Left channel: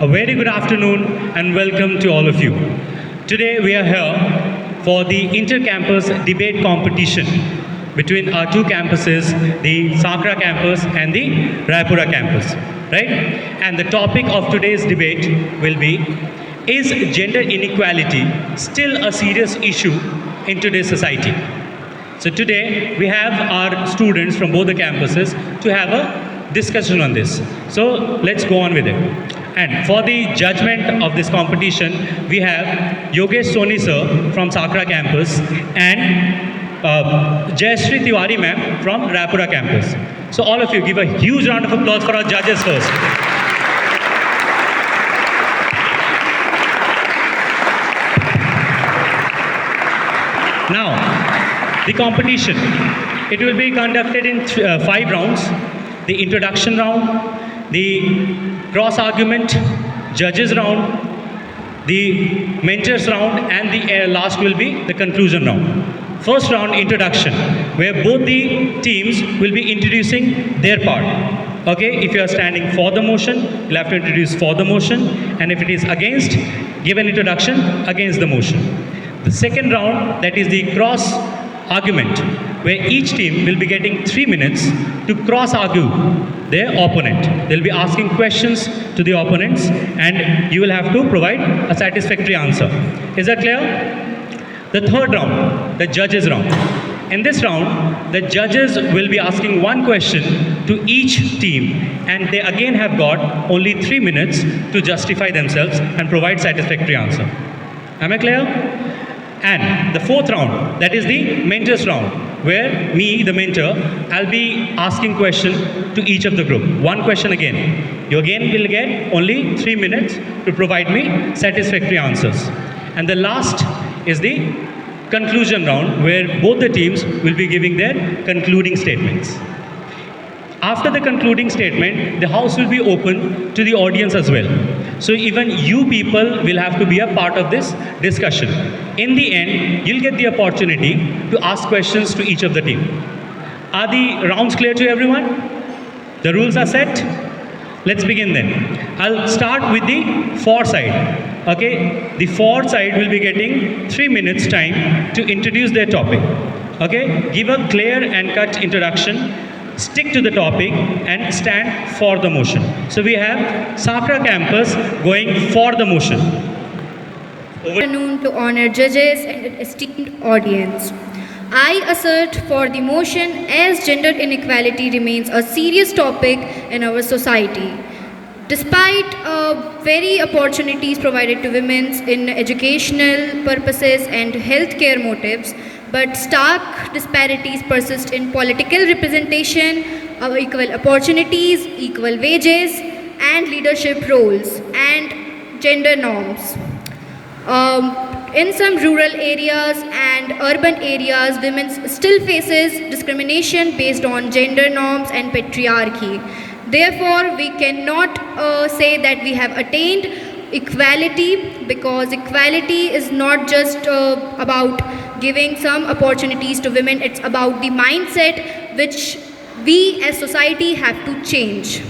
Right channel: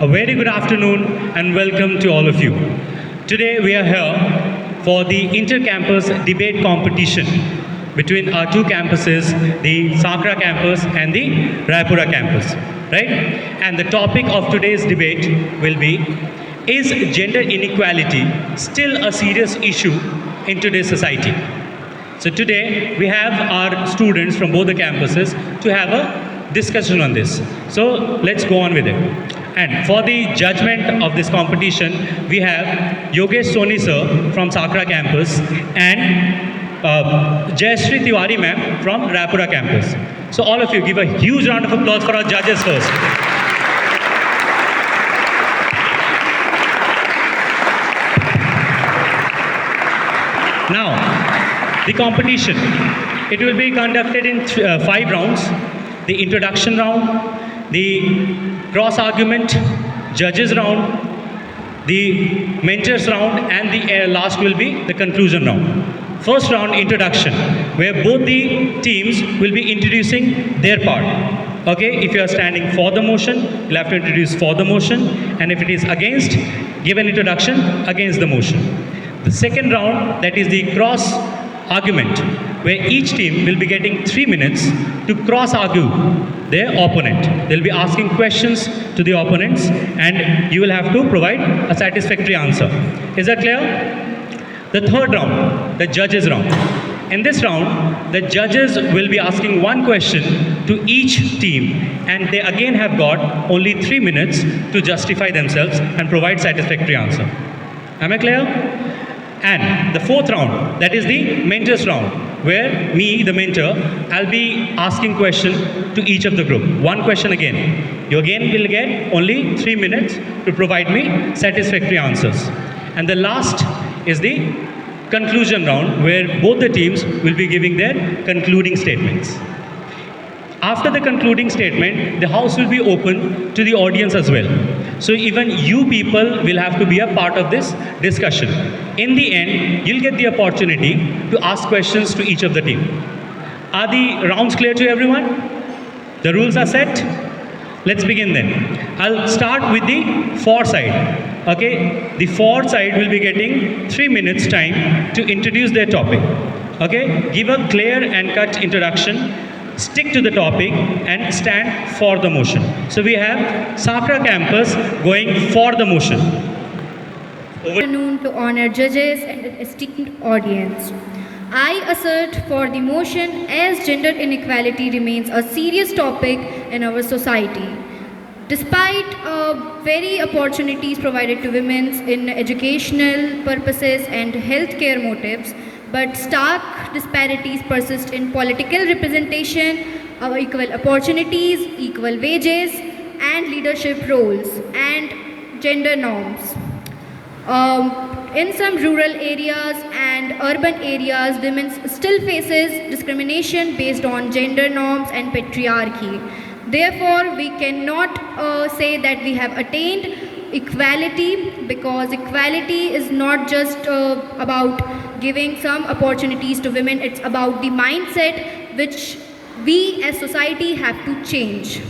A very good afternoon and welcome to all of you. Today we are here for the inter-campus debate competition between our two campuses, the Sakra campus and the Raipura campus, right? And the topic of today's debate will be, is gender inequality still a serious issue in today's society? So today we have our students from both the campuses to have a discussion on this. So let's go on with it. And for the judgment of this competition, we have Yogesh Soni sir from Sakra campus and Jayashree Tiwari ma'am from Raipura campus. So all of you give a huge round of applause for our judges first. Now, the competition. It will be conducted in 5 rounds. The introduction round, the cross argument, judges round, the mentors round, and the last will be the conclusion round. First round, introduction, where both the teams will be introducing their part. Okay, if you are standing for the motion, you'll have to introduce for the motion, and if it is against, give an introduction against the motion. The second round, that is the cross argument, where each team will be getting 3 minutes to cross argue their opponent. They'll be asking questions to the opponents and you will have to provide a satisfactory answer. Is that clear? The third round, the judges round. In this round, the judges will be asking one question to each team and they again have got only 3 minutes to justify themselves and provide satisfactory answer. Am I clear? And the fourth round, that is the mentors round, where me, the mentor, I'll be asking question to each of the group. One question again. You again will get only 3 minutes to provide me satisfactory answers. And the last is the conclusion round, where both the teams will be giving their concluding statements. After the concluding statement, the house will be open to the audience as well. So even you people will have to be a part of this discussion. In the end, you'll get the opportunity to ask questions to each of the team. Are the rounds clear to everyone? The rules are set? Let's begin then. I'll start with the for side. Okay, the for side will be getting 3 minutes time to introduce their topic. Okay, give a clear and cut introduction. Stick to the topic and stand for the motion. So we have Sakra campus going for the motion. Good afternoon to honored judges and esteemed audience. I assert for the motion as gender inequality remains a serious topic in our society. Despite very opportunities provided to women in educational purposes and healthcare motives, but stark disparities persist in political representation, equal opportunities, equal wages, and leadership roles, and gender norms. In some rural areas and urban areas, women still faces discrimination based on gender norms and patriarchy. Therefore, we cannot say that we have attained equality, because equality is not just about giving some opportunities to women. It's about the mindset which we as society have to change.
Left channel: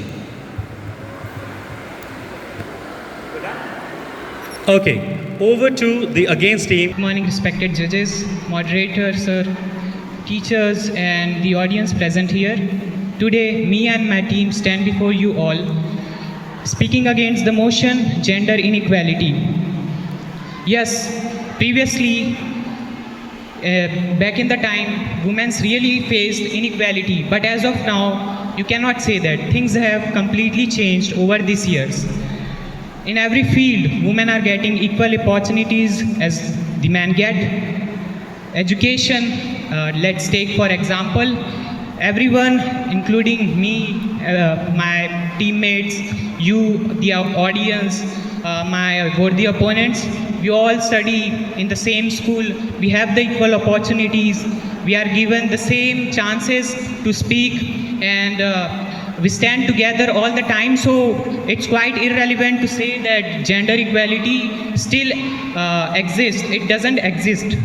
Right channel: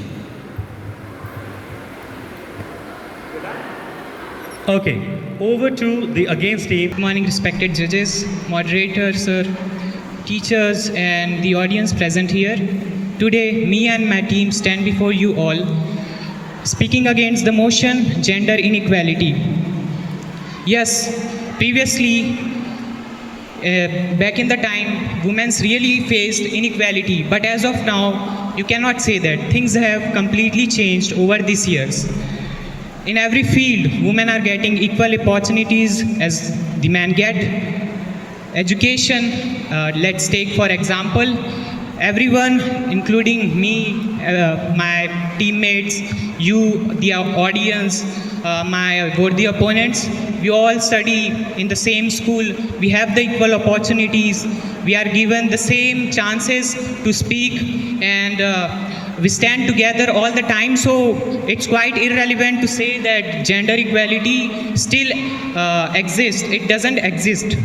Okay, over to the against team. Good morning, respected judges, moderators, teachers, and the audience present here. Today, me and my team stand before you all, speaking against the motion gender inequality. Yes, previously, back in the time, women really faced inequality, but as of now, you cannot say that. Things have completely changed over these years. In every field, women are getting equal opportunities as the men get. Education, let's take for example, everyone, including me, my teammates, you, the audience, my worthy opponents, we all study in the same school, we have the equal opportunities, we are given the same chances to speak, and we stand together all the time. So it's quite irrelevant to say that gender equality still exists. It doesn't exist.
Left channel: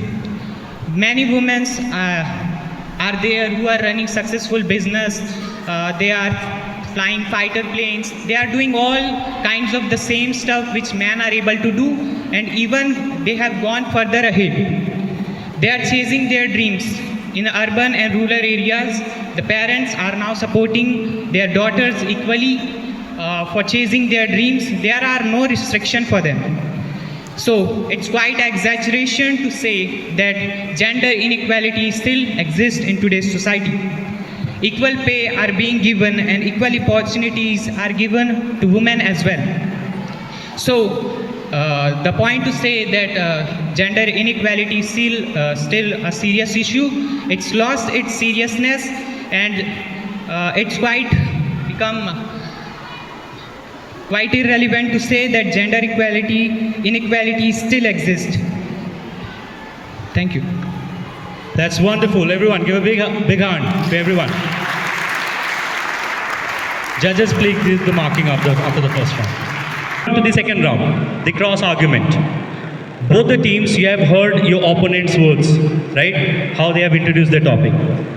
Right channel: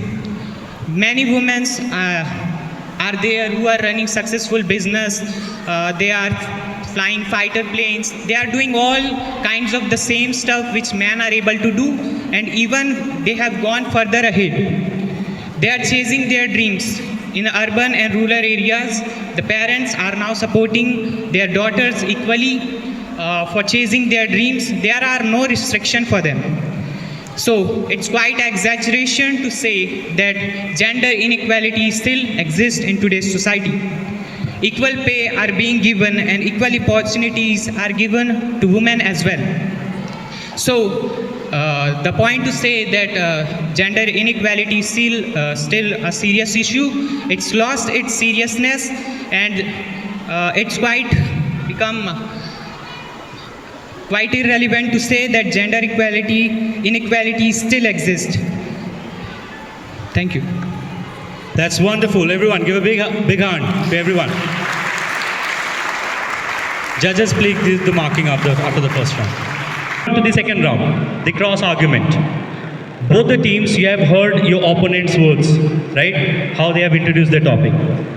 Many women are there who are running successful business. They are flying fighter planes. They are doing all kinds of the same stuff which men are able to do, and even they have gone further ahead. They are chasing their dreams. In urban and rural areas, the parents are now supporting their daughters equally for chasing their dreams. There are no restriction for them. So it's quite exaggeration to say that gender inequality still exists in today's society. Equal pay are being given and equal opportunities are given to women as well. So the point to say that gender inequality is still a serious issue. It's lost its seriousness, and it's become quite irrelevant to say that gender inequality still exists. Thank you. That's wonderful. Everyone, give a big hand to everyone. Judges, please give the marking after the first round. To the second round, the cross argument. Both the teams, you have heard your opponent's words, right? How they have introduced the topic.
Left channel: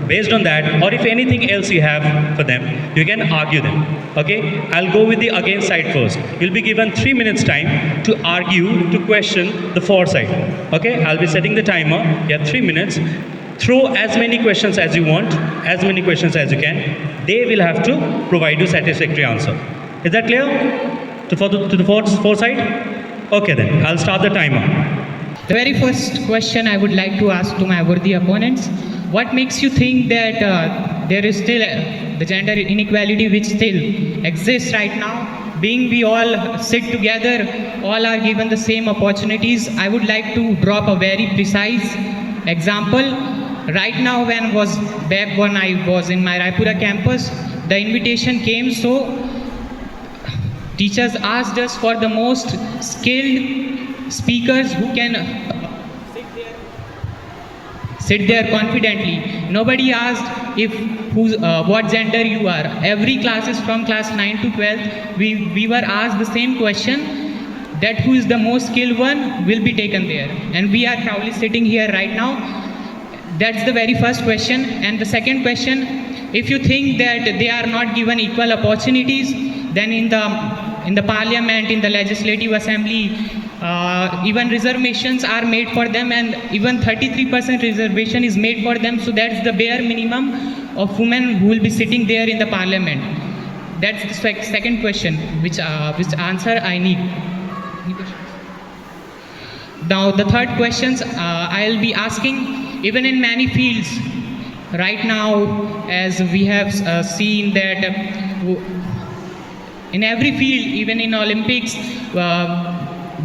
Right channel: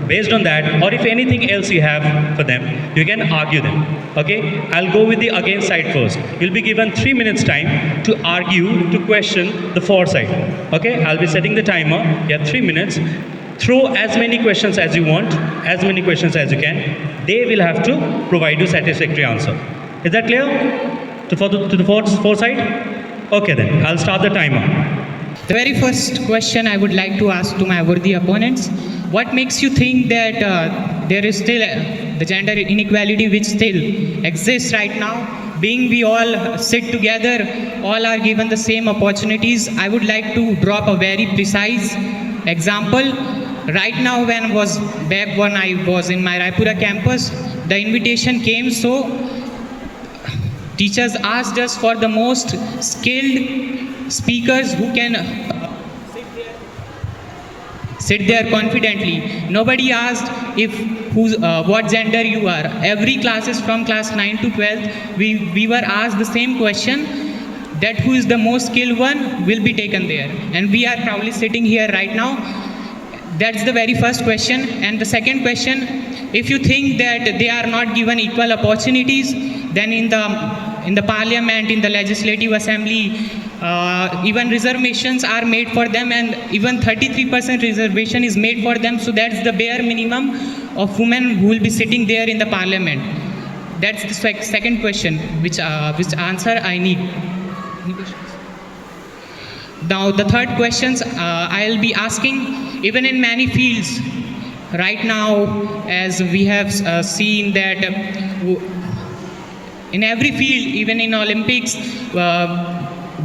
Based on that, or if anything else you have for them, you can argue them. Okay? I'll go with the against side first. You'll be given 3 minutes time to argue, to question the for side. Okay? I'll be setting the timer. You have 3 minutes. Throw as many questions as you want, as many questions as you can. They will have to provide you satisfactory answer. Is that clear? To the for side? Okay then, I'll start the timer. The very first question I would like to ask to my worthy opponents: what makes you think that there is still the gender inequality which still exists right now? Being we all sit together, all are given the same opportunities. I would like to drop a very precise example. Right now, when I was in my Raipura campus, the invitation came, so teachers asked us for the most skilled speakers who can sit there confidently. Nobody asked what gender you are. Every classes from class 9 to 12, we were asked the same question, that who is the most skilled one will be taken there. And we are proudly sitting here right now. That's the very first question. And the second question, if you think that they are not given equal opportunities, then in the parliament, in the legislative assembly, even reservations are made for them, and even 33% reservation is made for them. So that's the bare minimum of women who will be sitting there in the parliament. That's the second question, which answer I need. Any questions? Now the third questions I'll be asking, even in many fields right now, as we have seen that in every field, even in Olympics,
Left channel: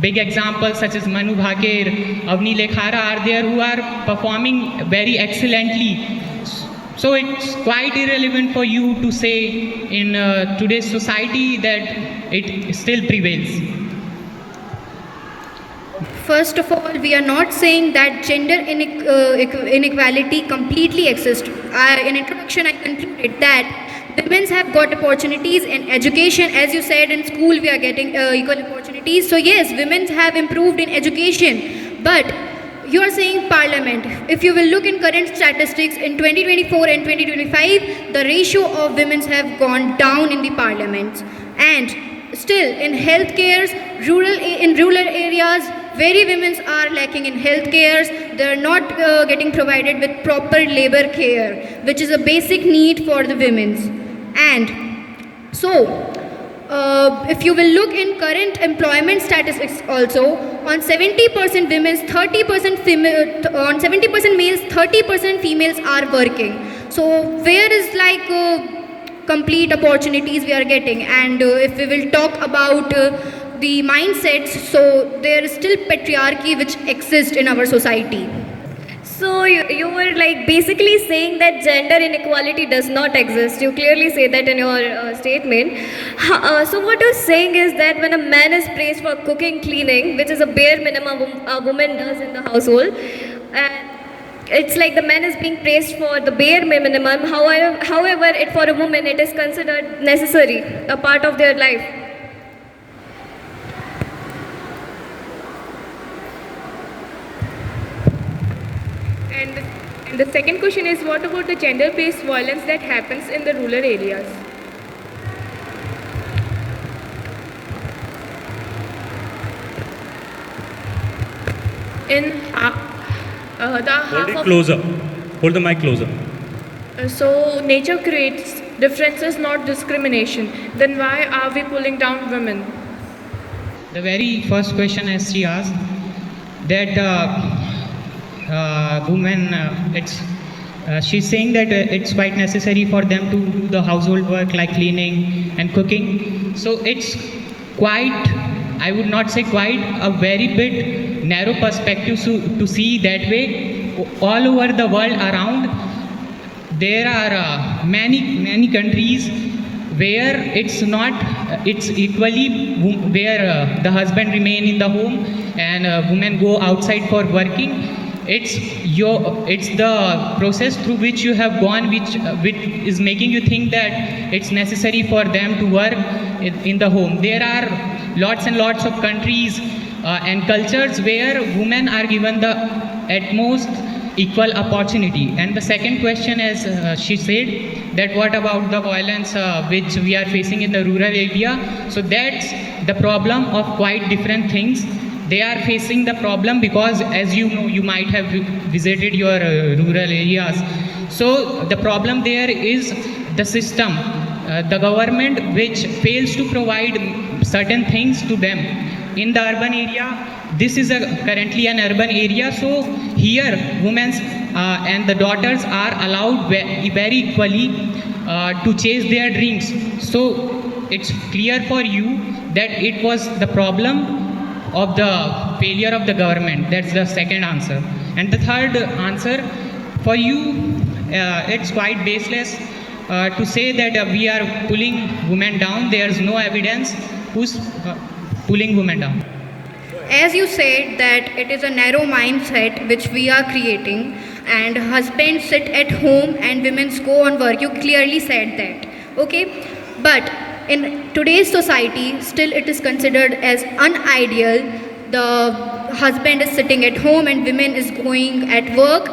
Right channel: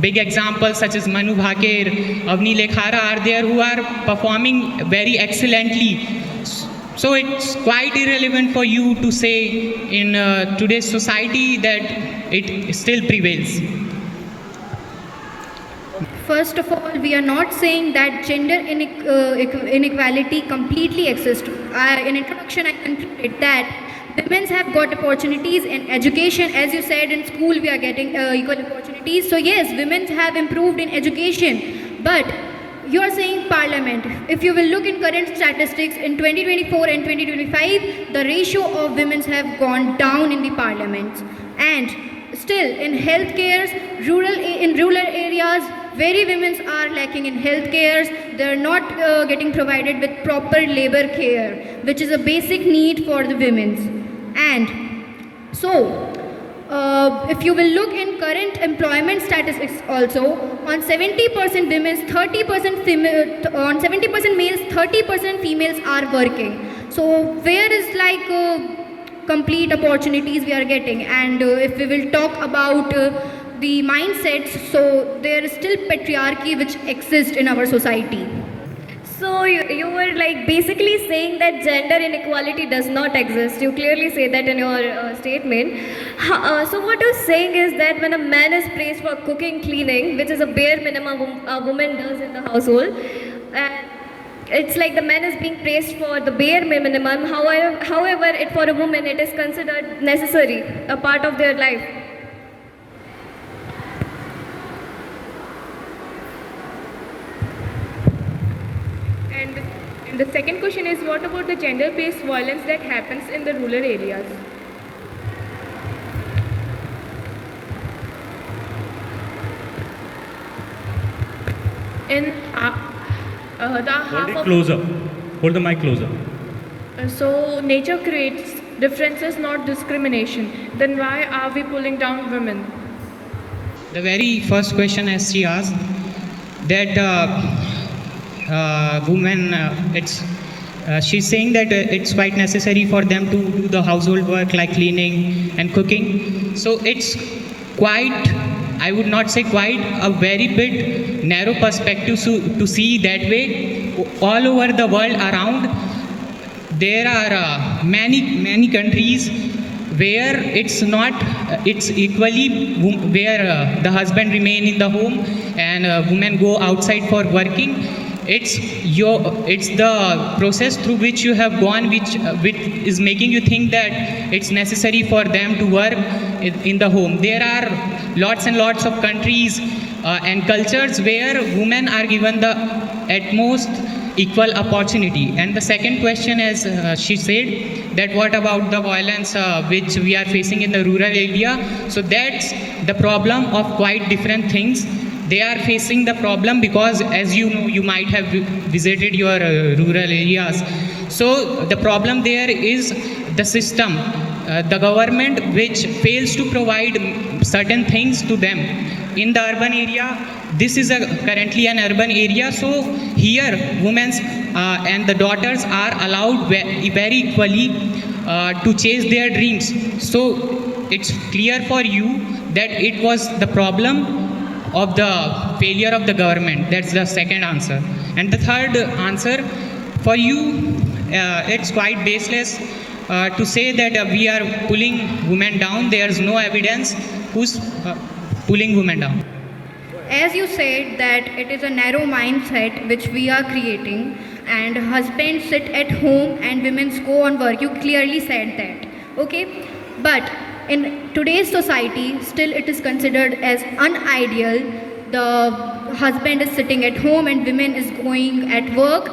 big examples such as Manu Bhaker, Avni Lekhara are there, who are performing very excellently. So it's quite irrelevant for you to say in today's society that it still prevails. First of all, we are not saying that gender inequality completely exists. In introduction, I concluded that women have got opportunities in education. As you said, in school we are getting equal opportunities. So yes, women have improved in education. But you are saying parliament. If you will look in current statistics, in 2024 and 2025, the ratio of women have gone down in the parliaments. And still, in healthcare, in rural areas, very women are lacking in health cares. They are not getting provided with proper labor care, which is a basic need for the women. And so, if you will look in current employment statistics also, on 70% women, 30% female, on 70% males, 30% females are working. So where is like complete opportunities we are getting? And if we will talk about the mindsets, so there is still patriarchy which exists in our society. So you were like basically saying that gender inequality does not exist. You clearly say that in your statement. So what you're saying is that when a man is praised for cooking, cleaning, which is a bare minimum a woman does in the household, it's like the man is being praised for the bare minimum. However, for a woman it is considered necessary, a part of their life. And the second question is, what about the gender-based violence that happens in the rural areas? In the Hold half it of closer. Hold the mic closer. so nature creates differences, not discrimination. Then why are we pulling down women? The very first question, as she asked, that women, she's saying that it's quite necessary for them to do the household work like cleaning and cooking. So it's quite, I would not say quite, a very bit narrow perspective to see that way. All over the world around, there are many countries where it's equally where the husband remain in the home and women go outside for working. It's the process through which you have gone which is making you think that it's necessary for them to work in the home. There are lots and lots of countries and cultures where women are given the utmost equal opportunity. And the second question, as she said, that what about the violence which we are facing in the rural area? So that's the problem of quite different things. They are facing the problem because, as you might have visited your rural areas. So the problem there is the system, the government which fails to provide certain things to them. In the urban area, this is currently an urban area, so here women and the daughters are allowed very equally to chase their dreams. So it's clear for you that it was the problem of the failure of the government. That's the second answer. And the third answer, for you, it's quite baseless to say that we are pulling women down. There's no evidence who's pulling women down. As you said that it is a narrow mindset which we are creating, and husbands sit at home and women go on work. You clearly said that. Okay? But in today's society, still it is considered as unideal. The husband is sitting at home and women is going at work.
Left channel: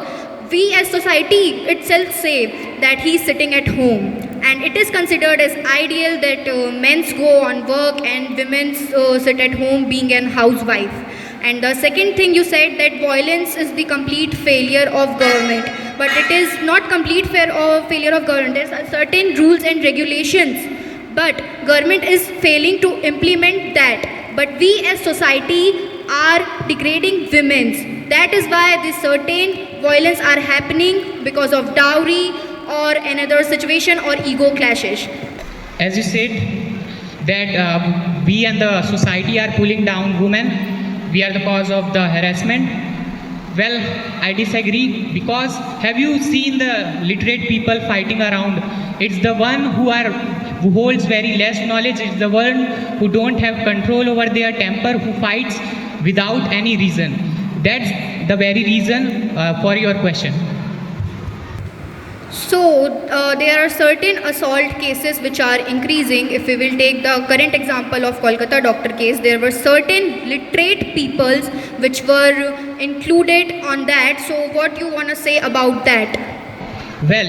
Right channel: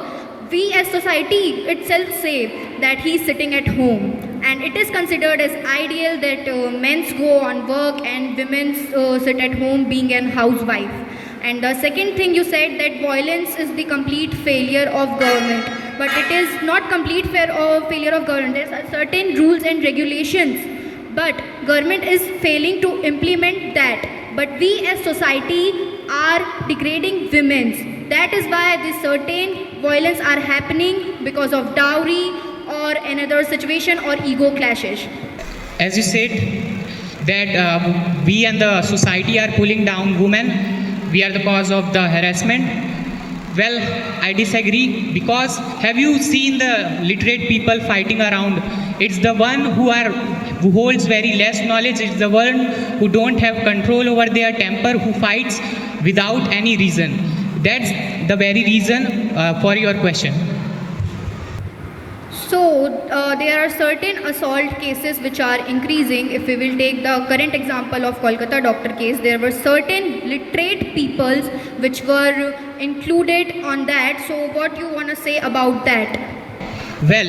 We as society itself say that he is sitting at home, and it is considered as ideal that men go on work and women sit at home being an housewife. And the second thing you said, that violence is the complete failure of government, but it is not complete failure of government. There are certain rules and regulations, but government is failing to implement that. But we as society are degrading women. That is why this certain violence are happening because of dowry or another situation or ego clashes. As you said, that we and the society are pulling down women, we are the cause of the harassment. Well, I disagree, because have you seen the literate people fighting around? It's the one who holds very less knowledge, it's the one who don't have control over their temper, who fights without any reason. That's the very reason for your question. So, there are certain assault cases which are increasing. If we will take the current example of Kolkata doctor case, there were certain literate peoples which were included on that. So, what you want to say about that? Well,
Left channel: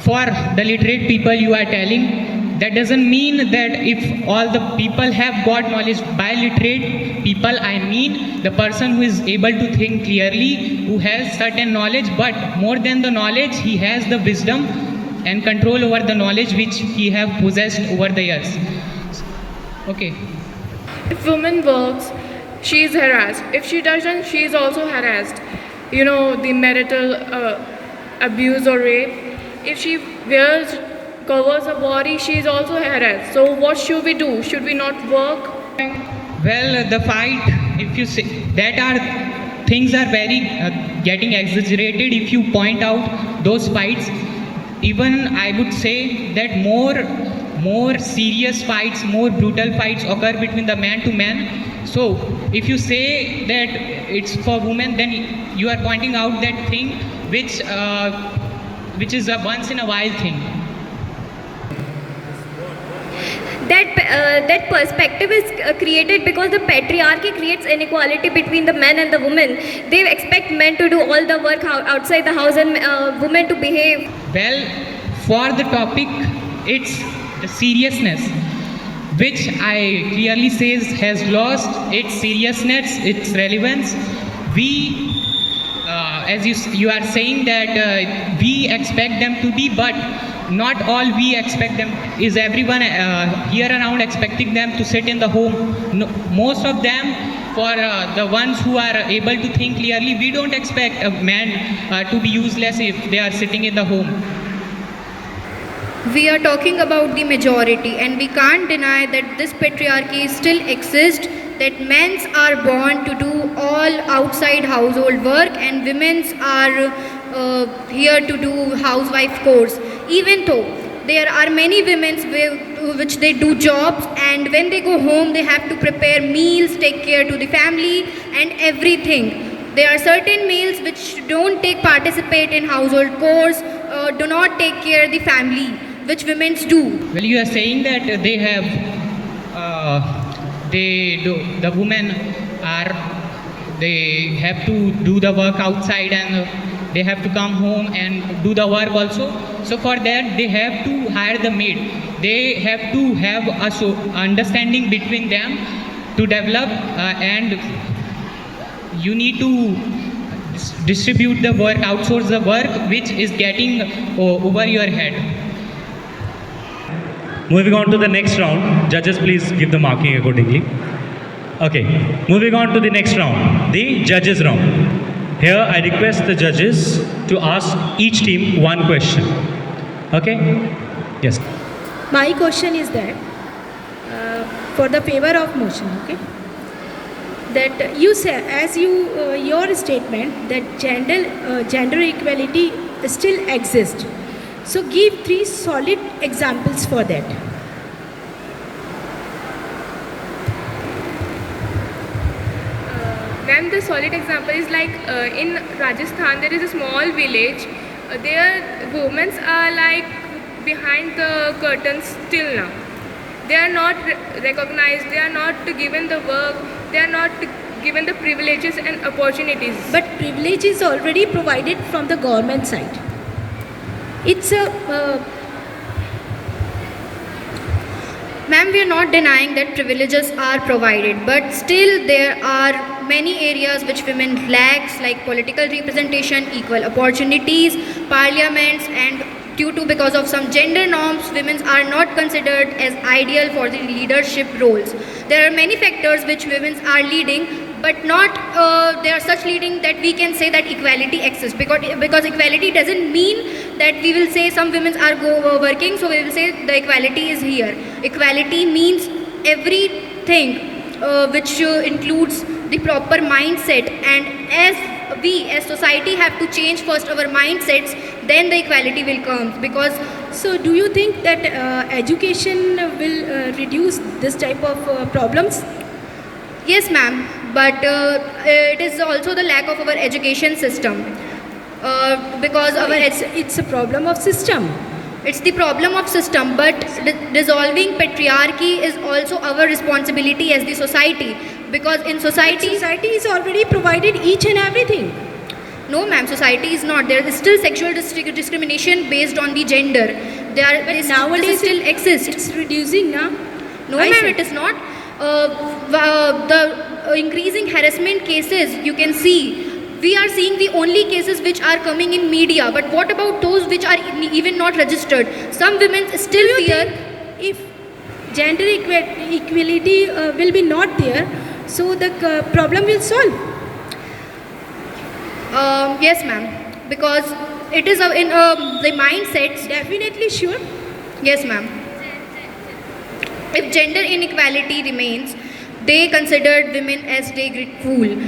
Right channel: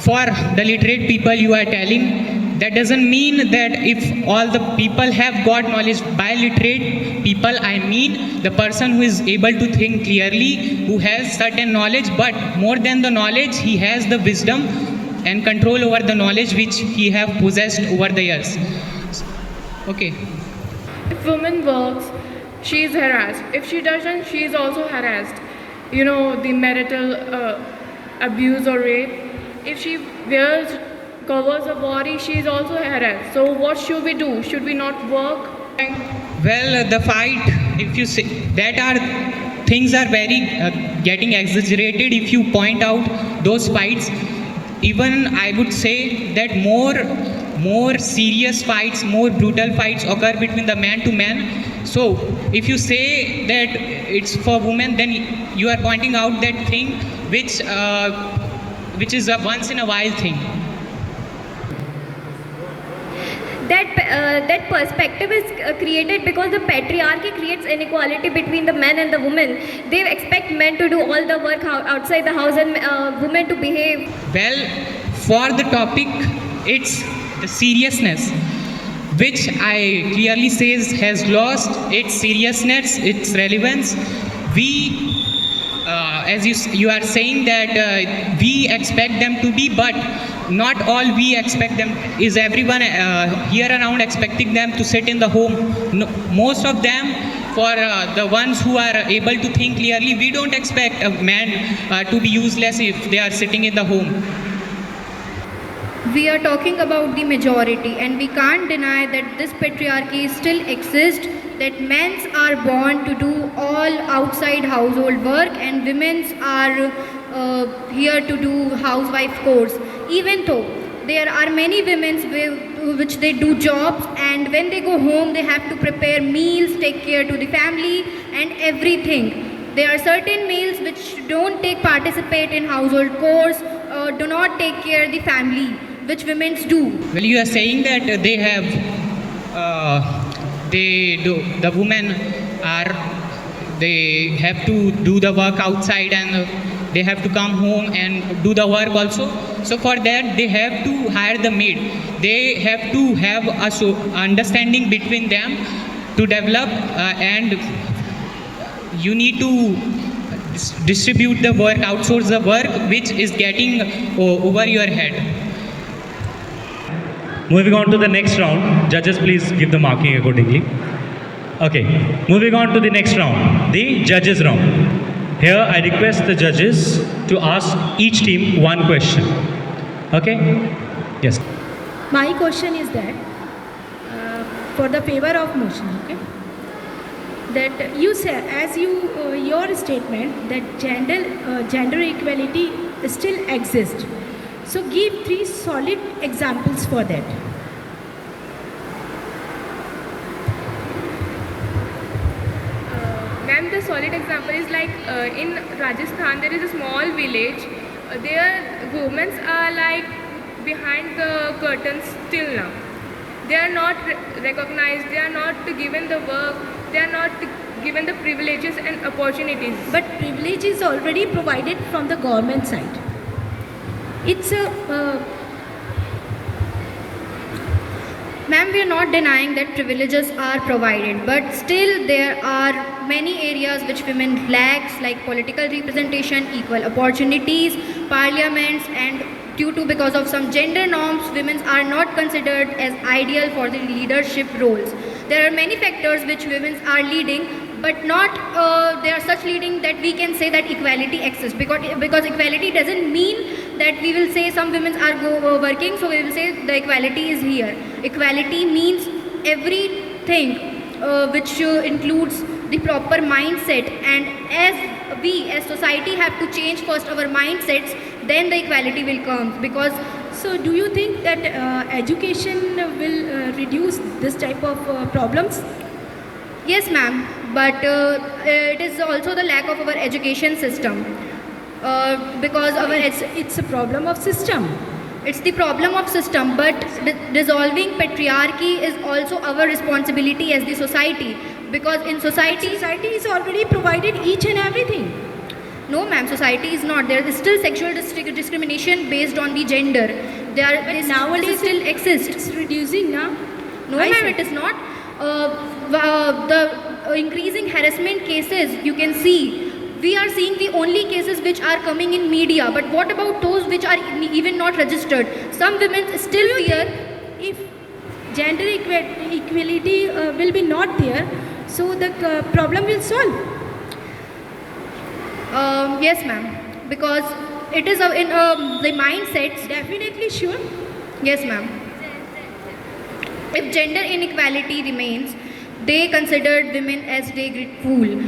for the literate people you are telling, that doesn't mean that if all the people have got knowledge. By literate people, I mean the person who is able to think clearly, who has certain knowledge, but more than the knowledge, he has the wisdom and control over the knowledge which he have possessed over the years. Okay. If woman works, she is harassed. If she doesn't, she is also harassed. You know, the marital abuse or rape. If she covers her body, she is also harassed. So what should we do? Should we not work? Well, the fight, if you say, that are things are very getting exaggerated if you point out those fights. Even I would say that more serious fights, more brutal fights occur between the man to man. So if you say that it's for women, then you are pointing out that thing which is a once in a while thing. That perspective is created because the patriarchy creates inequality between the men and the women. They expect men to do all the work outside the house and women to behave. Well, for the topic, it's the seriousness. which I clearly says has lost its seriousness, its relevance. We, as you are saying that we expect them to be, but not all we expect them. Is everyone here around expecting them to sit in the home? No, most of them, for the ones who are able to think clearly, we don't expect a man to be useless if they are sitting in the home. We are talking about the majority, and we can't deny that this patriarchy still exists, that men's are born to do all outside household work and women's are here to do housewife chores. Even though there are many women which they do jobs, and when they go home they have to prepare meals, take care to the family and everything. There are certain males which don't participate in household chores, do not take care of the family, which women do. Well, you are saying that they have, the women they have to do the work outside and they have to come home and do the work also. So for that they have to hire the maid. They have to have a understanding between them to develop, and you need to distribute the work, outsource the work which is getting over your head. Moving on to the next round. Judges, please give the marking accordingly. Okay, moving on to the next round, the judges round. Here I request the judges to ask each team one question. Okay? Yes. My question is that for the favor of motion, okay, that you said, as your statement that gender equality still exists. So give 3 solid examples for that. Ma'am, the solid example is like in Rajasthan there is a small village. There women are like behind the curtains till now. They are not recognized, they are not given the work, they are not given the privileges and opportunities. But privilege is already provided from the government side. It's a Ma'am, we are not denying that privileges are provided, but still there are many areas which women lacks, like political representation, equal opportunities, parliaments, and because of some gender norms, women are not considered as ideal for the leadership roles. There are many factors which women are leading, but not they are such leading that we can say that equality exists, because equality doesn't mean that we will say some women are working, so we will say the equality is here. Equality means everything which includes the proper mindset, and as we as society have to change first our mindsets, then the equality will come. Because so do you think that education will reduce this type of problems? yes ma'am, but it is also the lack of our education system, because It's a problem of system. it's the problem of system, but dissolving patriarchy is also our responsibility as the society, because in society Society is already provided each and everything. no ma'am, society is not. There is still sexual discrimination based on the gender. It Nowadays still exists. It's reducing now. No I ma'am, see. it is not. The increasing harassment cases, you can see, we are seeing the only cases which are coming in media, but what about those which are even not registered? Some women still fear. If gender equality will be not there, so the problem will solve. Yes ma'am, because it is in the mindsets. Definitely sure. Yes ma'am. If gender inequality remains, they considered women as degraded.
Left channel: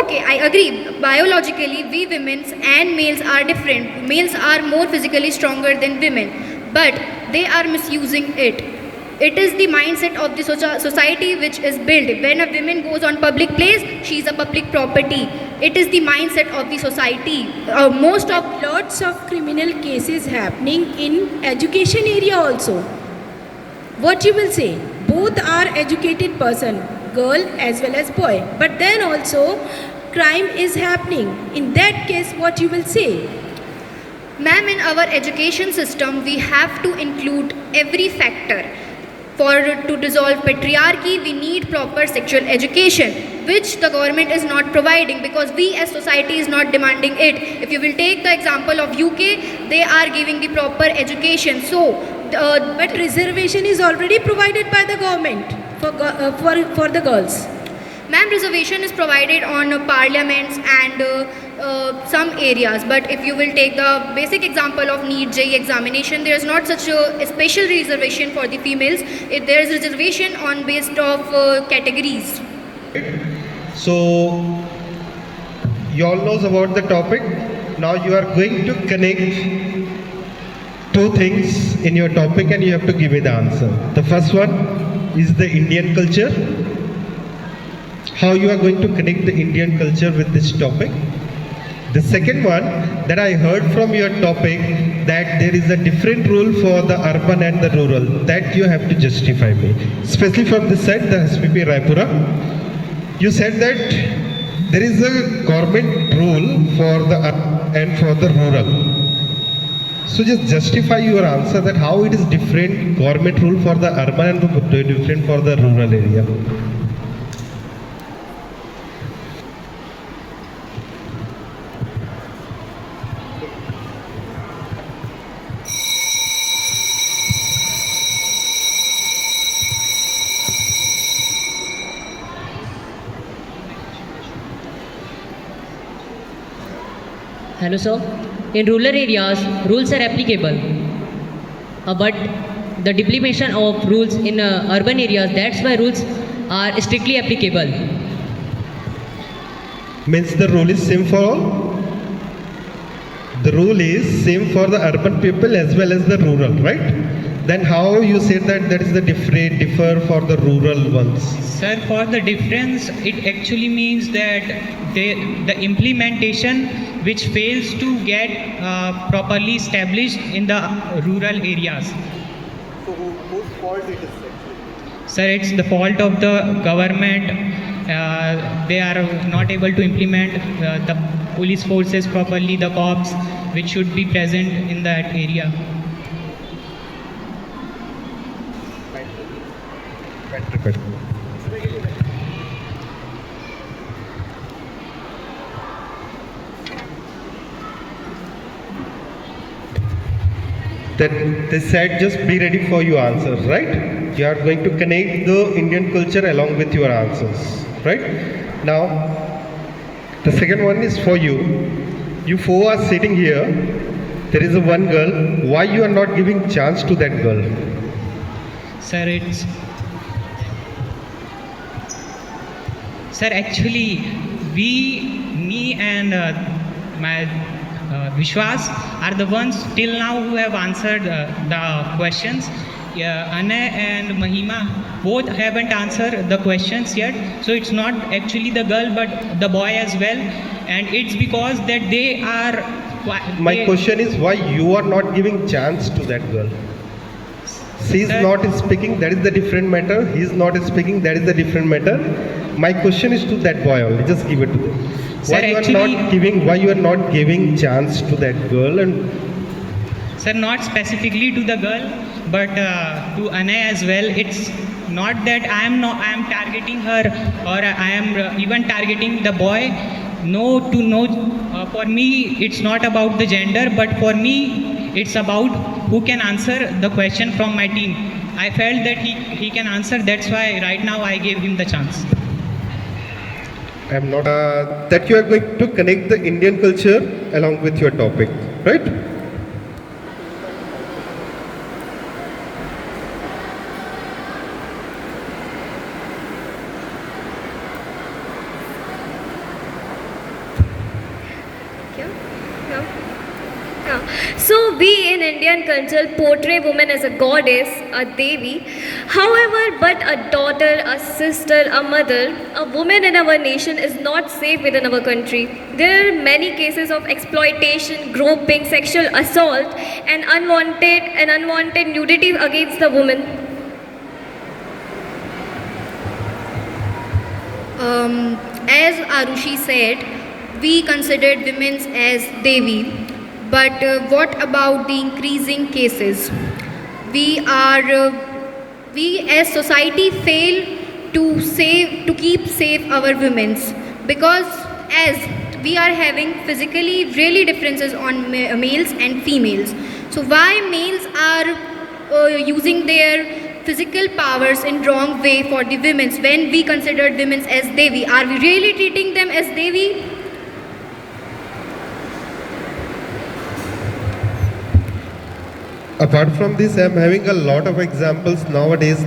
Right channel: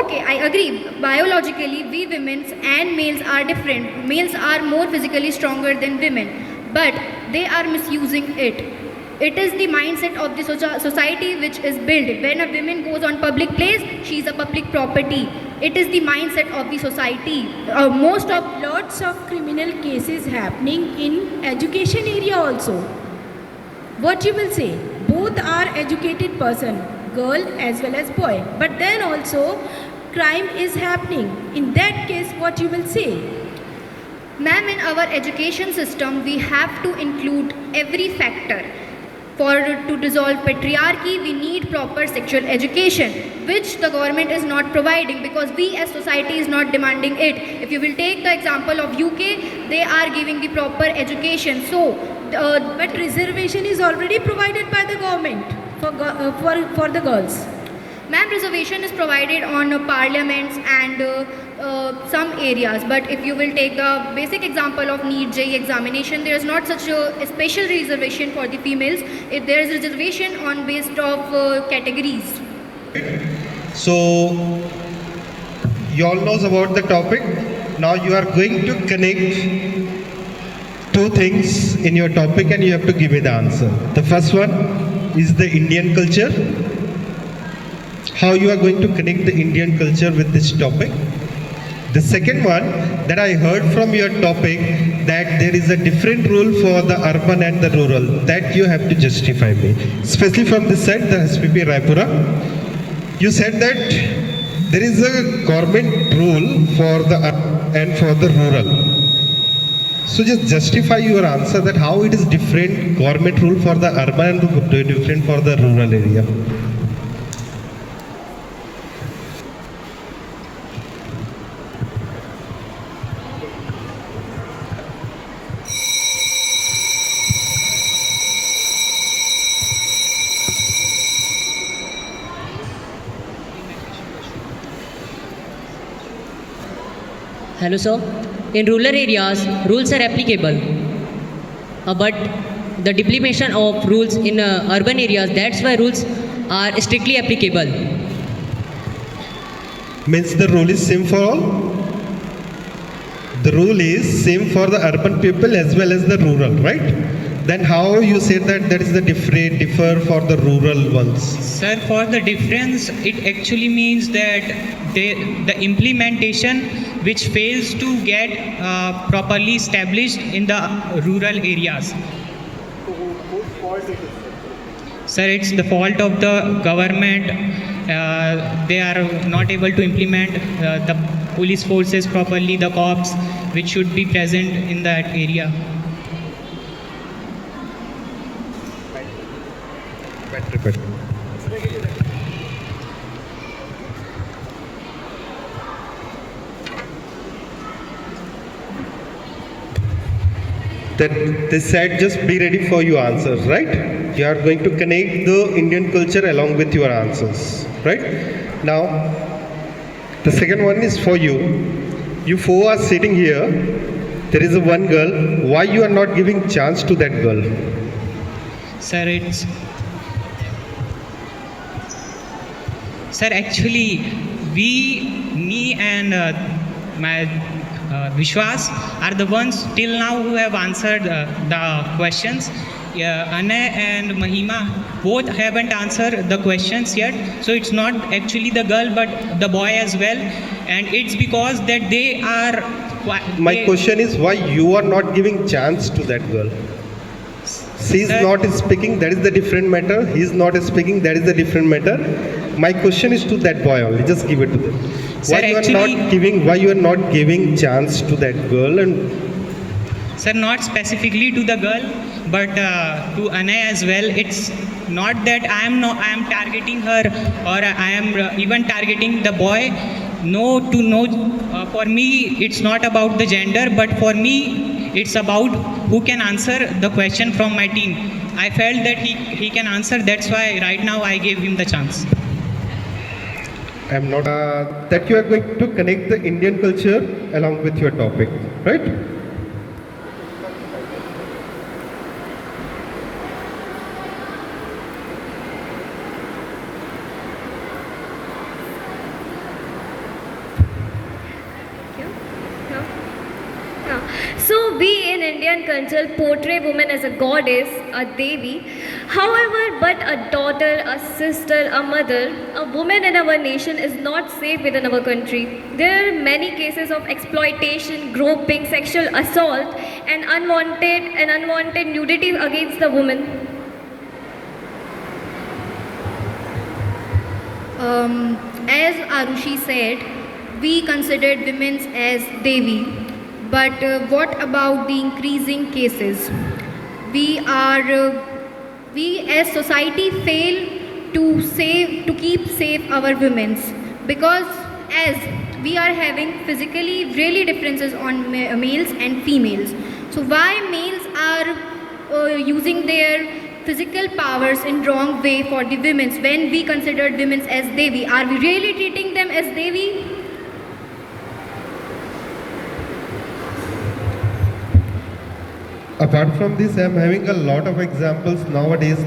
Okay, I agree. Biologically, we women and males are different. Males are more physically stronger than women, but they are misusing it. It is the mindset of the society which is built. When a woman goes on public place, she is a public property. It is the mindset of the society. Most of Lots of criminal cases happening in education area also. What you will say? Both are educated person, girl as well as boy. But then also crime is happening. In that case, what you will say? Ma'am, in our education system, we have to include every factor. to dissolve patriarchy, we need proper sexual education, which the government is not providing because we as society is not demanding it. If you will take the example of UK, they are giving the proper education. So, But reservation is already provided by the government for the girls. ma'am, reservation is provided on parliaments and some areas. But if you will take the basic example of NEET JEE examination, there is not such a special reservation for the females. There is reservation on based of categories. So, you all knows about the topic. Now you are going to connect two things in your topic and you have to give me the answer. The first one is the Indian culture. How you are going to connect the Indian culture with this topic. The second one that I heard from your topic that there is a different rule for the urban and the rural that you have to justify me. Especially from this side, the SPP Raipura. You said that there is a government rule for the urban and for the rural. So just justify your answer that how it is different government rule for the urban and different for the rural area. Hello sir. In rural areas, rules are applicable. But the depletion of rules in urban areas, that's why rules are strictly applicable. Means the rule is same for all? The rule is same for the urban people as well as the rural, right? Then how you say that there is the differ for the rural ones? Sir, for the difference, it actually means that the implementation which fails to get properly established in the rural areas. Sir, it's the fault of the government. They are not able to implement the police forces properly, the cops which should be present in that area. That they said just be ready for your answers, right? You are going to connect the Indian culture along with your answers, right? Now, the second one is for you. You four are sitting here. There is a one girl. Why you are not giving chance to that girl? Sir, actually, me and my Vishwas are the ones till now who have answered the questions. Anna and Mahima both haven't answered the questions yet. So it's not actually the girl but the boy as well. And it's because that they are... My question is why you are not giving chance to that girl? She is not speaking, that is the different matter. He is not speaking, that is the different matter. My question is to that boy only. Just give it to them. Sir, Why you are not giving chance to that girl? And sir, not specifically to the girl, but to Anna as well. It's not that I am targeting her or I am even targeting the boy. For me, it's not about the gender, but for me, it's about who can answer the question from my team. I felt that he can answer. That's why right now I gave him the chance. I am not that you are going to connect the Indian culture along with your topic, right? So we in Indian culture portray women as a goddess, a devi. However, but a daughter, a sister, a mother, a woman in our nation is not safe within our country. There are many cases of exploitation, groping, sexual assault, and unwanted nudity against the woman. As Arushi said, we considered women as Devi. But what about the increasing cases? We are we as society fail to keep safe our women's, because as we are having physically really differences on males and females. So why males are using their physical powers in wrong way for the women's when we consider women's as Devi? Are we really treating them as Devi? Apart from this, I'm having a lot of examples nowadays,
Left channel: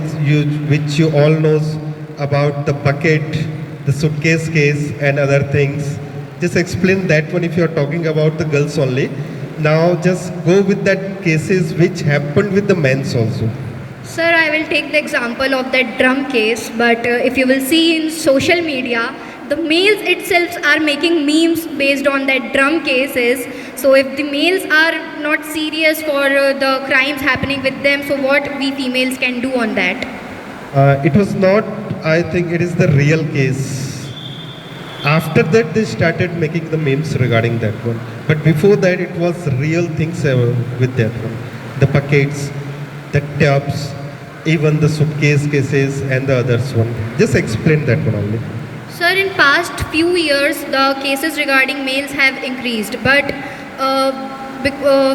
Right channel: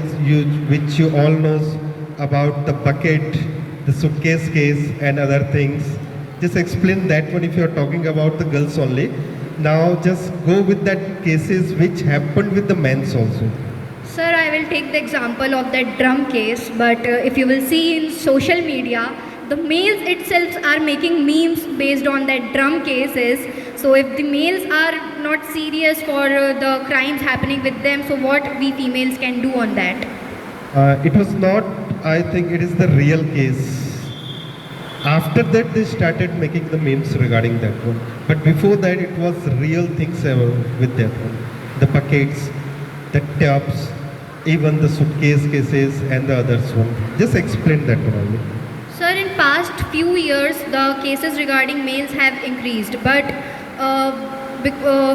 which you all knows about the bucket, the suitcase case, and other things. Just explain that one if you're talking about the girls only. Now just go with that cases which happened with the men's also. Sir, I will take the example of that drum case, but if you will see in social media, the males itself are making memes based on that drum cases. So if the males are not serious for the crimes happening with them, so what we females can do on that? It was not, I think it is the real case. After that, they started making the memes regarding that one. But before that, it was real things with that one. The buckets, the tubs, even the suitcase cases and the others one. Just explain that one only. Sir, in past few years, the cases regarding males have increased, but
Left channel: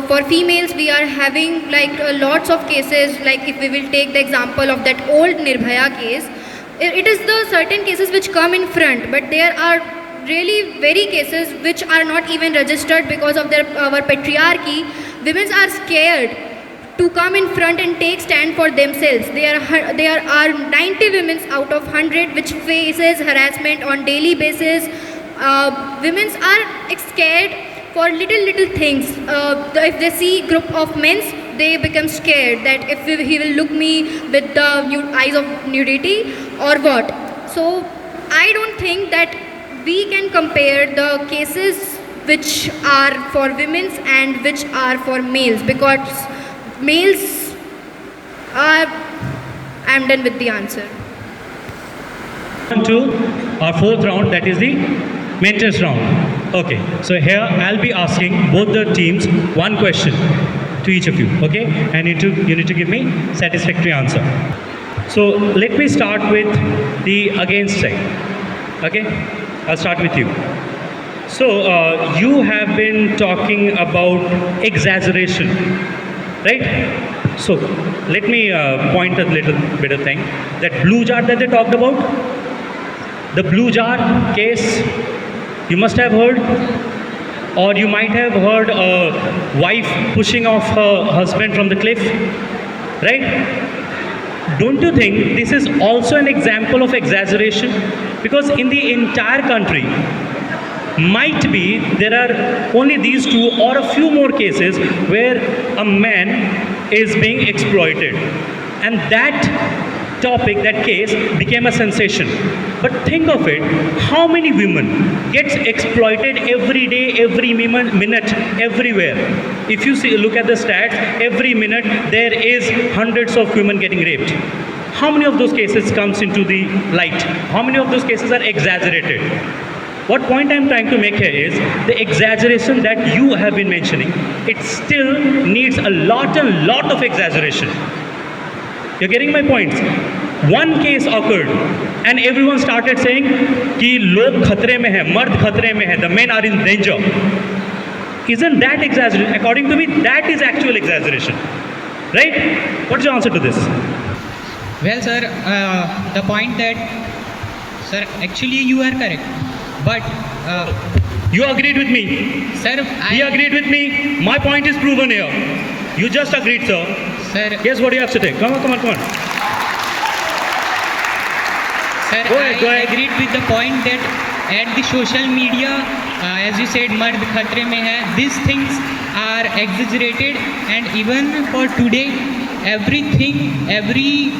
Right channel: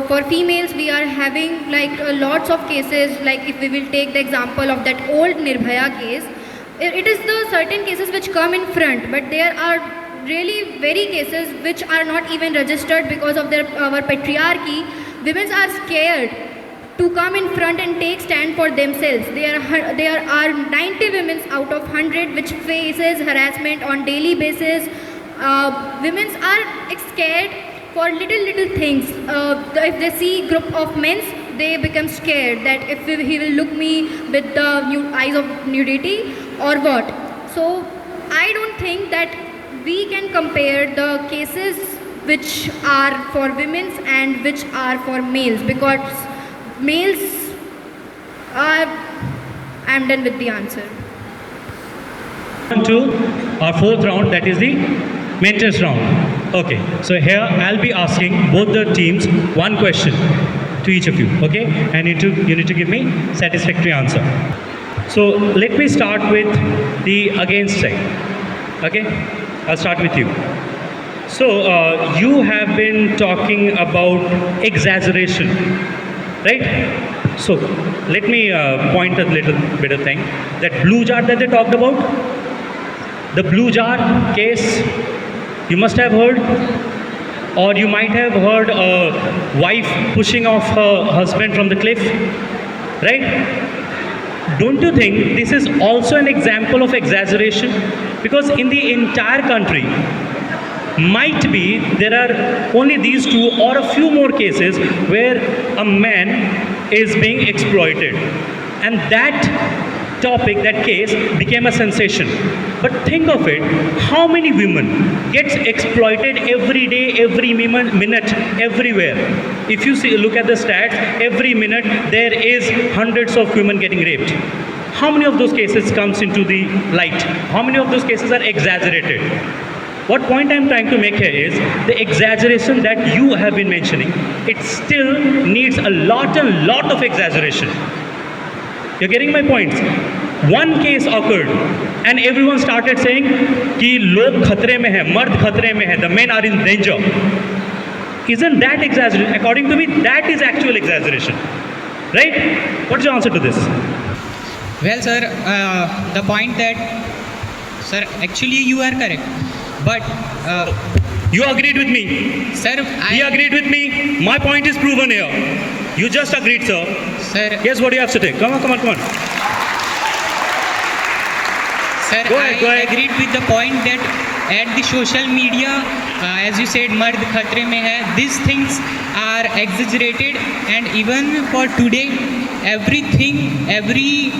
for females, we are having like lots of cases. Like if we will take the example of that old Nirbhaya case, it is the certain cases which come in front, but there are really very cases which are not even registered because of our patriarchy. Women are scared to come in front and take stand for themselves. There are 90 women out of 100 which faces harassment on daily basis. Women are scared for little things. If they see group of men, they become scared that if he will look me with the eyes of nudity or what. So I don't think that we can compare the cases which are for women and which are for males, because males are... I'm done with the answer. On to our fourth round, that is the mentors round. Okay, so here I'll be asking both the teams one question to each of you, okay? And you need to give me satisfactory answer. So let me start with the against side, okay? I'll start with you. So you have been talking about exaggeration, right? So let me point a little bit of thing. That blue jar that they talked about, the blue jar case, you must have heard, or you might have heard a wife pushing off her husband from the cliff, right? Don't you think this is also an example of exaggeration? Because in the entire country, might be there are only these two or a few more cases where a man is being exploited, and that topic, that case became a sensation. But think of it, how many women gets exploited every day, every minute, everywhere? If you look at the stats, every minute there is hundreds of women getting raped. How many of those cases comes into the light? How many of those cases are exaggerated? What point I'm trying to make here is the exaggeration that you have been mentioning, it still needs a lot of exaggeration. You're getting my points? One case occurred and everyone started saying कि लोग खतरे में हैं, मर्द खतरे में हैं, the men are in danger. Isn't that exaggeration? According to me, that is actual exaggeration. Right? What's your answer to this? Well, sir, the point that, sir, actually you are correct. But you agreed with me. Sir, he agreed with me. My point is proven here. You just agreed, sir. Sir, Guess what you have to take? Come on. Sir, Go ahead. I agreed with the point that at the social media, as you said, mard khatre mein hai, these things are exaggerated, and even for today, everything, every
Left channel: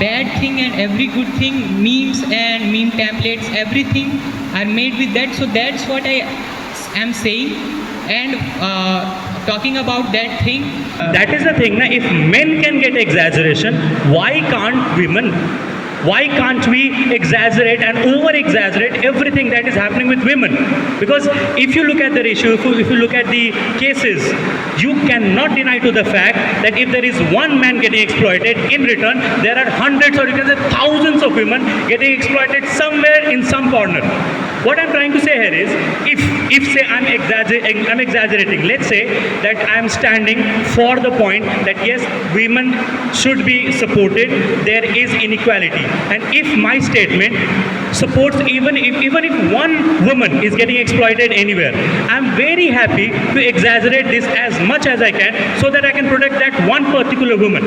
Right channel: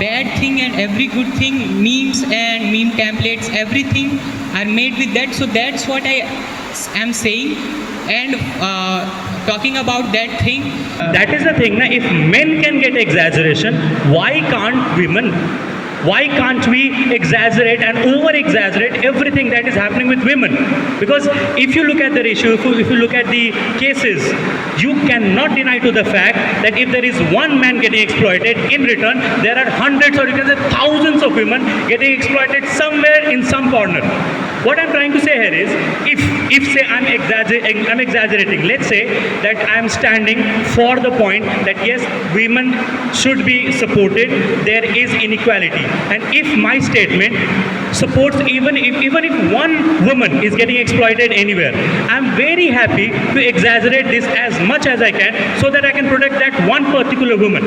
bad thing and every good thing, memes and meme templates, everything are made with that. So that's what I am saying. And talking about that thing, that is the thing. If men can get exaggeration, why can't women? Why can't we exaggerate and over-exaggerate everything that is happening with women? Because if you look at the ratio, if you look at the cases, you cannot deny to the fact that if there is one man getting exploited, in return, there are hundreds or you can say thousands of women getting exploited somewhere in some corner. What I'm trying to say here is, if say I'm exaggerating, let's say that I'm standing for the point that yes, women should be supported, there is inequality. And if my statement supports even if one woman is getting exploited anywhere, I'm very happy to exaggerate this as much as I can so that I can protect that one particular woman.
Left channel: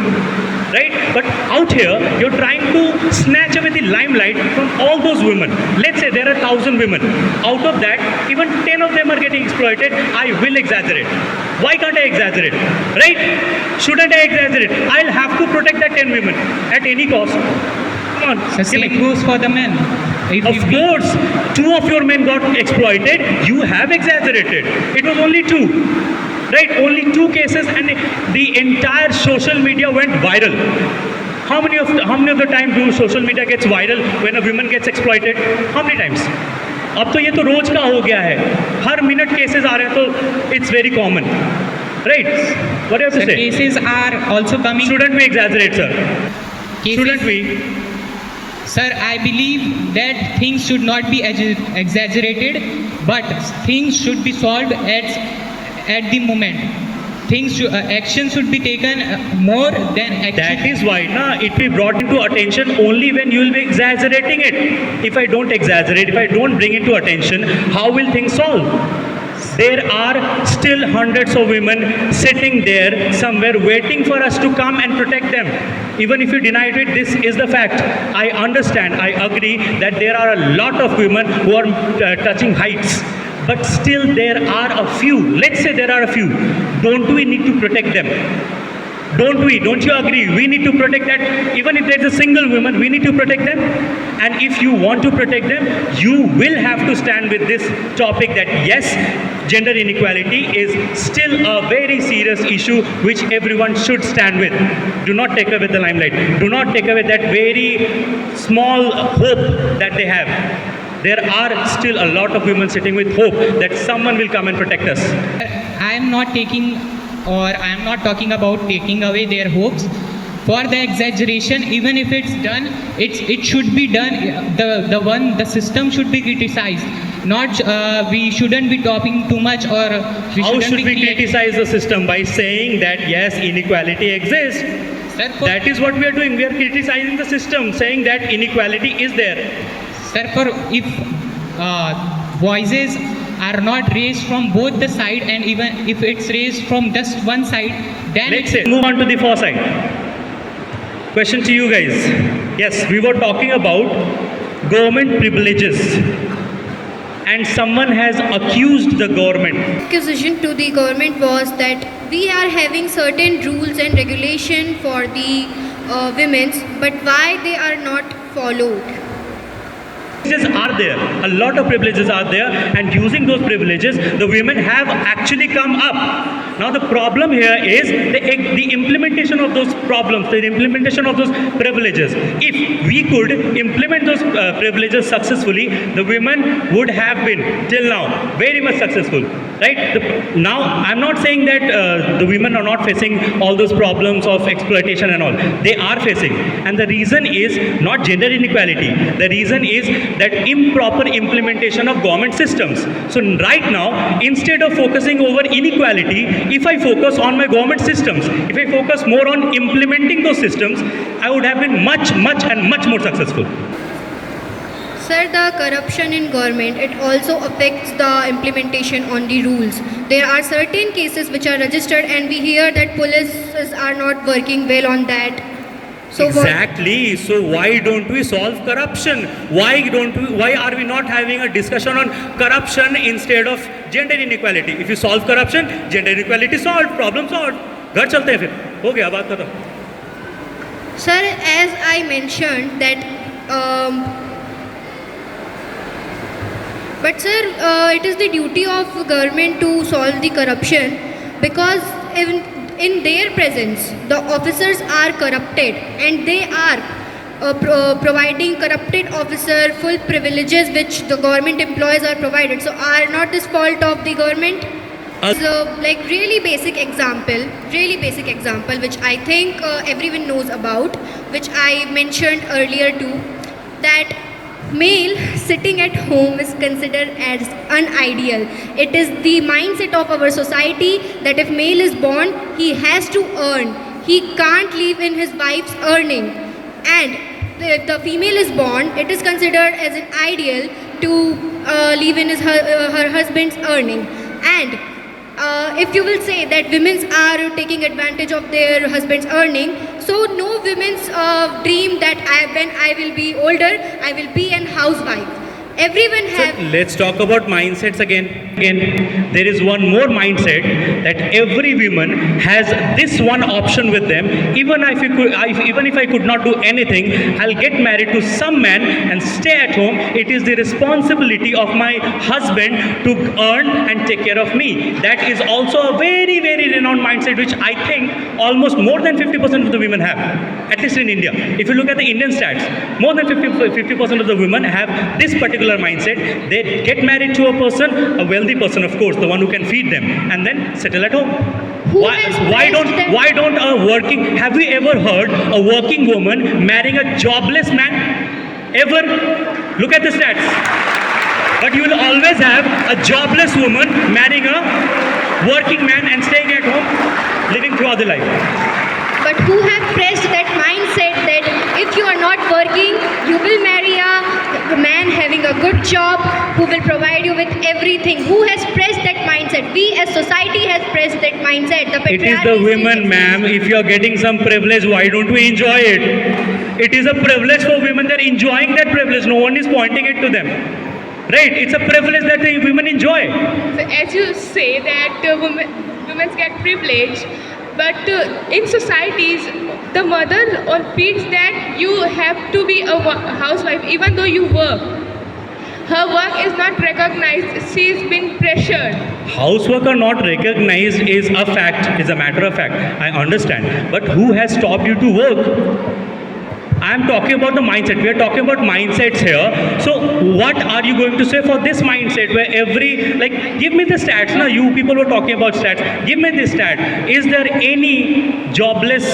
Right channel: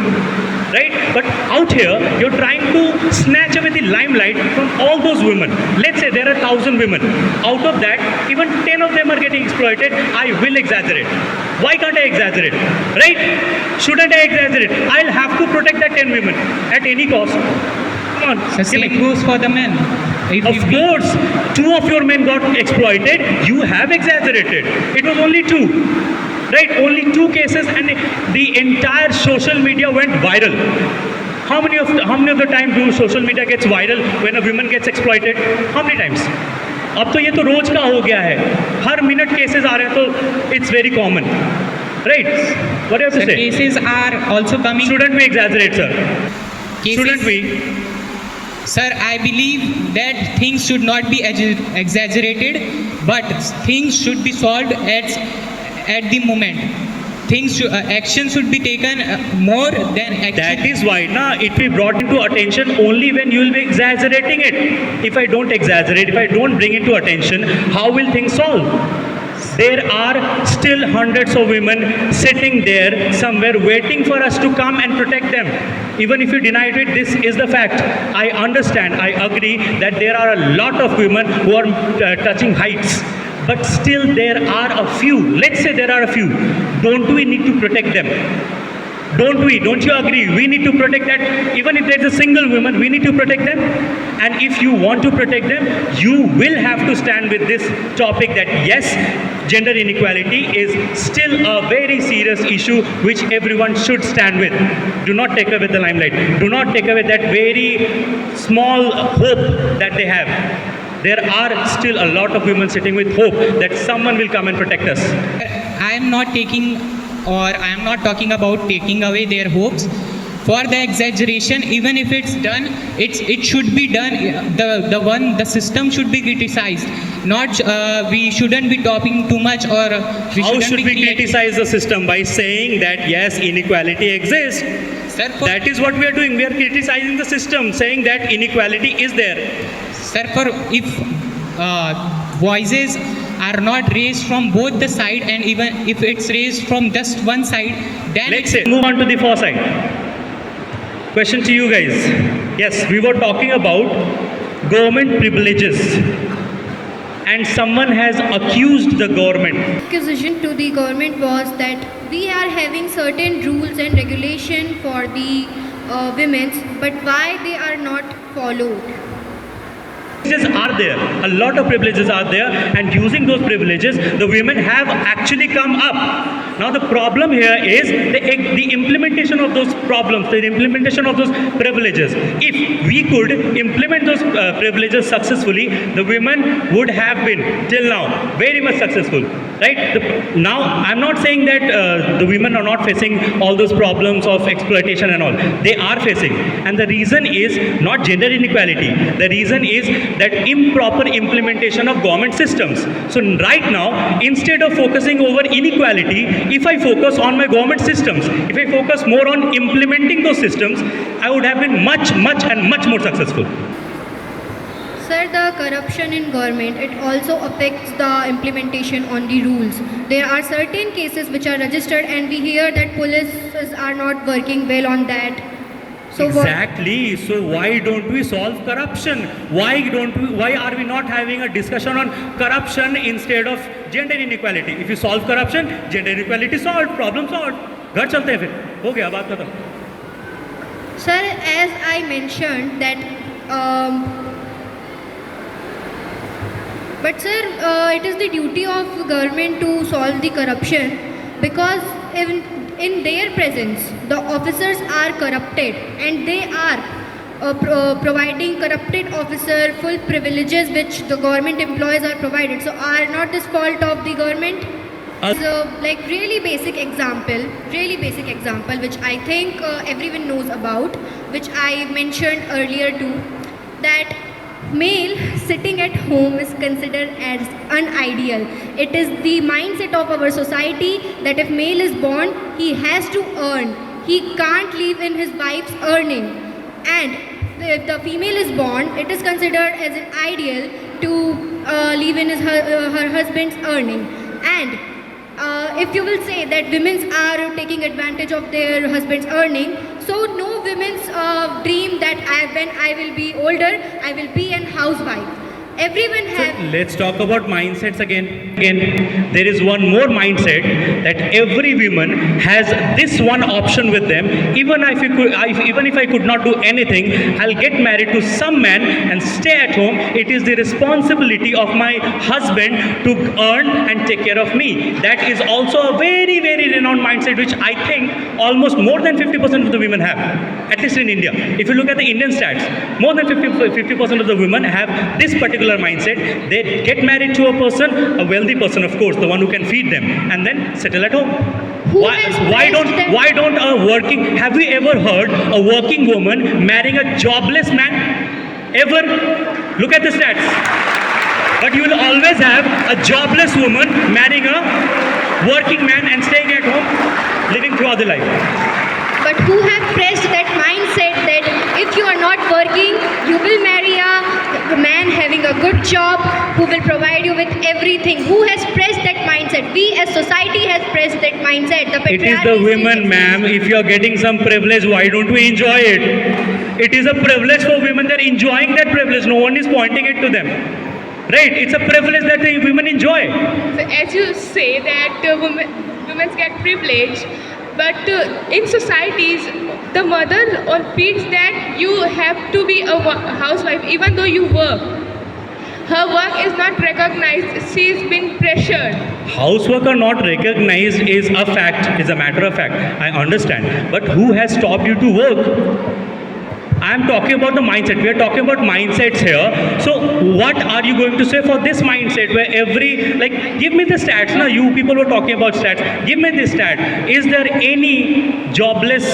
Right? But out here, you're trying to snatch away the limelight from all those women. Let's say there are 1,000 women. Out of that, even 10 of them are getting exploited. I will exaggerate. Why can't I exaggerate? Right? Shouldn't I exaggerate? I'll have to protect that 10 women at any cost. Come on. So same goes for the men. Of course, 2 of your men got exploited. You have exaggerated. It was only 2. Right, only 2 cases, and the entire social media went viral. How many of the time do social media gets viral when a woman gets exploited? How many times? अब तो ये तो रोज का हो गया है. हर minute cases आ रहे हैं तो it's very common. Right? What do you have to The say? cases are also coming. Shouldn't we exaggerate, sir? Shouldn't we? Sir, I believe that things should not be exaggerated, but things should be solved at the moment. Action should be taken more than action. That is why it will be brought into attention only when you will be exaggerating it. If I don't exaggerate, if I don't bring it to attention, how will things solve? There are still hundreds of women sitting there somewhere waiting for us to come and protect them. Even if you deny it, this is the fact. I understand, I agree that there are a lot of women who are touching heights. But still there are a few. Let's say there are a few. Don't we need to protect them? Don't we? Don't you agree? We need to protect that. Even if there's a single woman, we need to protect them. And if you want to protect them, you will have to stand with this topic that yes, gender inequality is still a very serious issue which everyone should stand with. Do not take away the limelight. Do not take away that very small hope that they have. There are still a lot of women sitting with hope that someone will come and protect us. I am not talking about taking away their hopes. For the exaggeration, even if it's done, it should be done. The system should be criticized. Not we shouldn't be talking too much, or How should we criticize the system? By saying that yes, inequality exists. Sir, That is what we are doing. We are criticizing the system, saying that inequality is there. Sir, if voices are not raised from both the side, and even if it's raised from just one side, then Let's say, move on to the far side. Question to you guys. Yes, we were talking about government privileges, and someone has accused the government. Accusation to the government was that we are having certain rules and regulation for the women's, but why they are not followed? Privileges are there, a lot of privileges are there, and using those privileges, the women have actually come up. Now the problem here is the implementation of those problems, the implementation of those privileges. If we could implement those privileges successfully, the women would have been till now very much successful, right? Now I'm not saying that the women are not facing all those problems of exploitation and all. They are facing, and the reason is not gender inequality. The reason is that improper implementation of government systems. So right now, instead of focusing over inequality, if I focus on my government systems, if I focus more on implementing those systems, I would have been much more successful. Sir, the corruption in government, it also affects the implementation on the rules. There are certain cases which are registered, and we hear that police are not working well on that. So Exactly. So why don't we solve corruption? Why are we not having a discussion on corruption instead of gender inequality? If you solve corruption, gender inequality solved, problem solved. घर चलते हैं फिर. हो गया बात खत्म. Sir, as I mentioned that, but sir, it is the duty of government to solve the corruption, because in their presence, the officers are corrupted, and they are providing corrupted officer full privileges which the government employees are provided. So are not this fault of the government? So like really basic example which I think everyone knows about, which I mentioned earlier too, that male sitting at home is considered as unideal. It is the mindset of our society that if male is born, he has to earn. He can't live in his wife's earning. And if the female is born, it is considered as an ideal to live in her husband's earning. And if you will say that women are taking advantage of their husband's earning, so no women's dream that when I will be older, I will be an housewife. Everyone have. Let's talk about mindsets again. There is one more mindset that every woman has this one option with them. Even if I could not do anything, I'll get married to some man and stay at home. It is the responsibility of my husband to earn and take care of me. That is also a very, very renowned mindset, which I think almost more than 50% of the women have, at least in India. If you look at the Indian stats, more than 50% of the women have this particular mindset. They get married to a person, a wealthy person, of course, the one who can feed them, and then settle at home. Why don't a working? Have we ever heard a working woman marrying a jobless man? Ever? Look at the stats. But you will always have a jobless woman marrying a working man and staying at home, living throughout the life. But who have pressed that mindset that if you are not working, you will marry a man having a good job who will provide you with everything? Who has pressed that mindset? We as society has pressed that mindset. It is the women, ma'am. If you are getting some privilege, why don't we enjoy it? It is a privilege for women. They're enjoying that privilege. No one is pointing it to them. Right? It's a privilege that the women enjoy. So as you say that women get privilege, but in societies, the mother feels that you have to be a housewife even though you work. Her work is not recognized. She is being pressured. Housework are not recognized is a fact, is a matter of fact. I understand. But who has stopped you to work? I am talking about the mindset. We are talking about mindsets here. So what are you going to say for this mindset where give me the stats. Now you people were talking about stats. Give me this stat. Is there any jobless,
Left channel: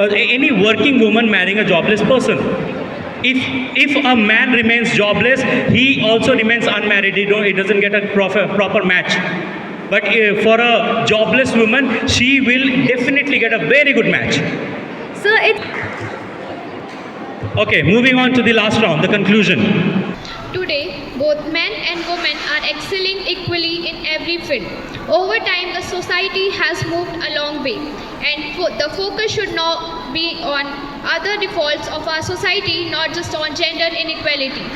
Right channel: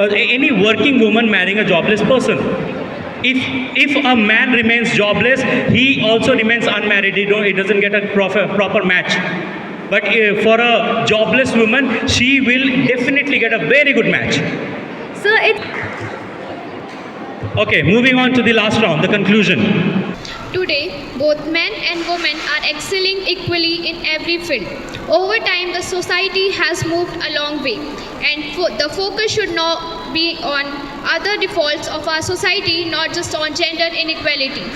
any working woman marrying a jobless person? If a man remains jobless, he also remains unmarried. He doesn't get a proper match. But for a jobless woman, she will definitely get a very good match. So Okay, moving on to the last round, the conclusion. Today, both men and women are excelling equally in every field. Over time, the society has moved a long way, and the focus should now be on other defaults of our society, not just on gender inequality.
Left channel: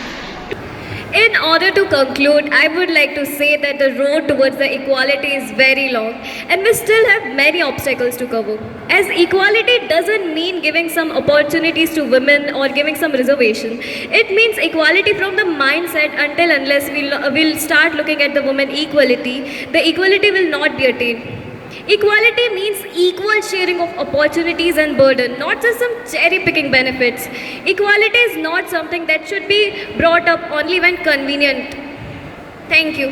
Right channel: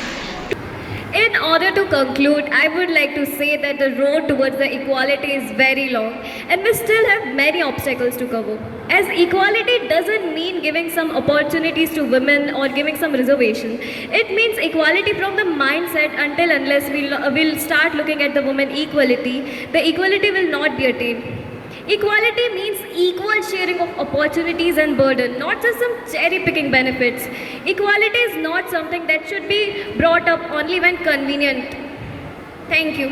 in order to conclude, I would like to say that the road towards the equality is very long and we still have many obstacles to cover. As equality doesn't mean giving some opportunities to women or giving some reservation. It means equality from the mindset until unless we'll start looking at the women equality, the equality will not be attained. Equality means equal sharing of opportunities and burden, not just some cherry-picking benefits. Equality is not something that should be brought up only when convenient. Thank you.